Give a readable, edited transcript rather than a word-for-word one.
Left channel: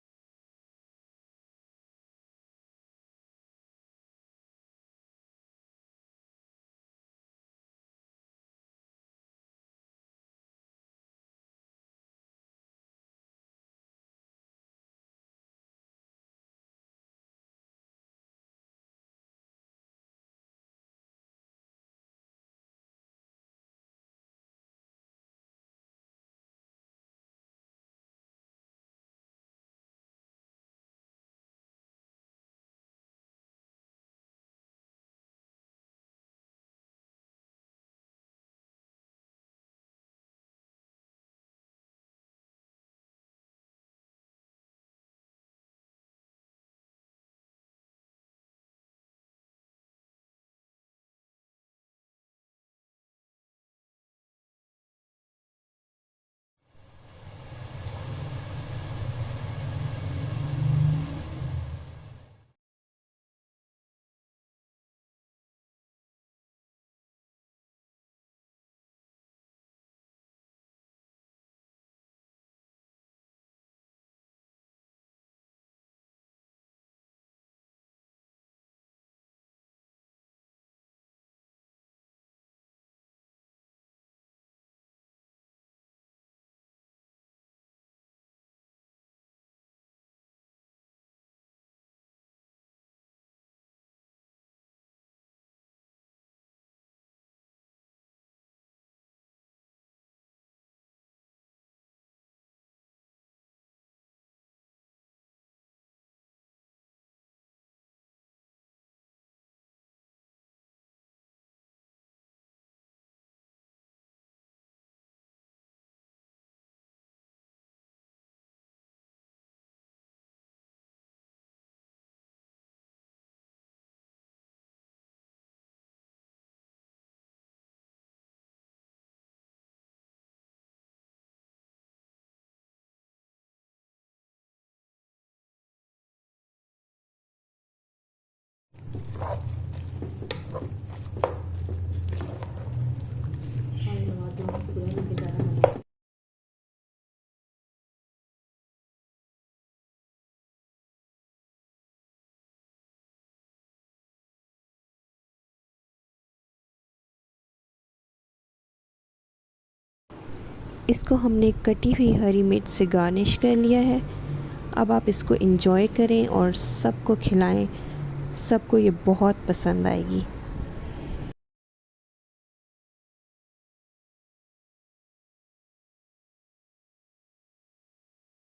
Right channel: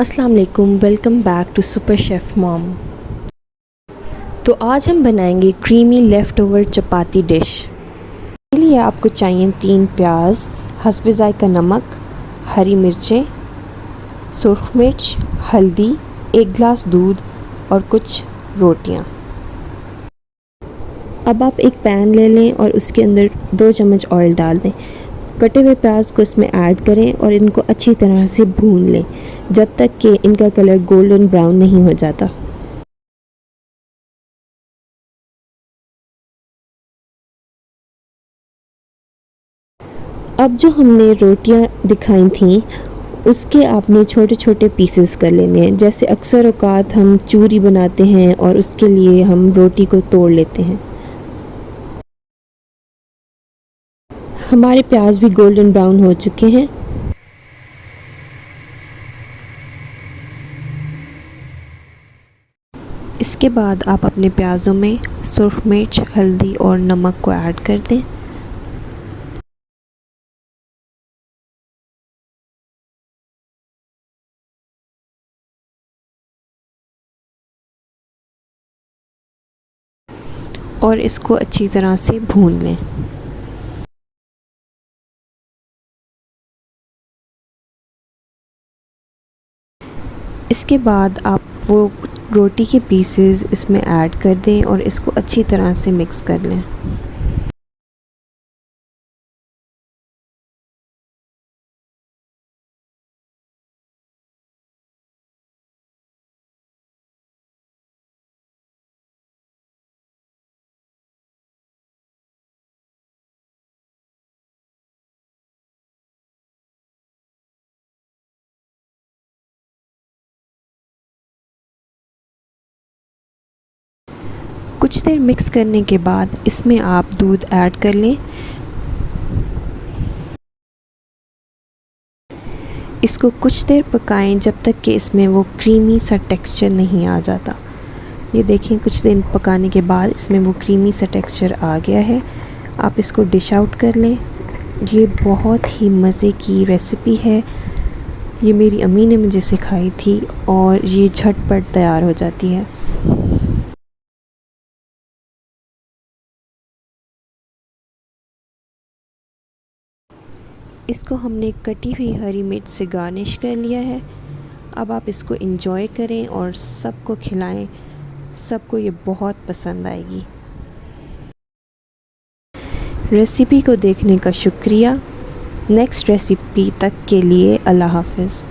अस्सलाम वालेकुम, welcome back to super chef mom. तो आज हम बनाएंगे creamy leftover chapati dish. इसके लिए आपको चाहिए 3 प्याज, हस्बे ज़ायक़ा नमक, हरी मिर्चें, सुर्ख मिर्च, हल्दी, 1 गिलास दूध और कुछ रोटियां। अब आप एक पैन ले लें और उसके अंदर 2 चम्मच ऑयल डाल दें। कटे हुए प्याज को इसमें ऐड करें और इनको अच्छी तरह से भून लें जब तक कि इनका कलर गोल्डन ब्राउन नहीं हो जाता। अब जो हमने रोटियां दिखाई थीं उसके आपने छोटे छोटे पीसेस कर लेने हैं। जैसे अक्सर औकात हम चूरी बनाते हैं और उसके लिए हम रोटी को तोड़ लेते हैं। हमारे प्याज भी गोल्डन ब्राउन हो चुके हैं। इसके बाद आप अपने प्याज़ों में सुर्ख मिर्च, हल्दी और नमक को ऐड कर दें। और इसको अच्छी तरह से भून लें। इसके बाद आप वो रोटी के पीसेस इसमें ऐड कर दें और इसको अच्छी तरह से मिक्स कर लें। कुछ देर मिक्स करने के बाद इसमें आप दूध ऐड कर लें। इसको कुछ देर पकाएं जब तक कि इसमें वो क्रीमी सा टेक्सचर नहीं आ जाता। ये देखें, कुछ देर पकाने के बाद इसमें वो क्रीमी सा टेक्सचर आ गया है। आप इसको डिश आउट कर लें। ये बहुत ही मज़े की रेसिपी है। ये मेरी अम्मी ने मुझे सिखाई थी और ये झटपट तैयार हो जाती है। इसको हमने कटी हुई हरी मिर्च से गार्निश कर लिया है। अब आप इसको एंजॉय करें और सबको खिलाएं। सबको ये बहुत पसंद आएगी। रेसिपी को देखने का शुक्रिया। नेक्स्ट रेसिपी तक के लिए अल्लाह हाफ़िज़।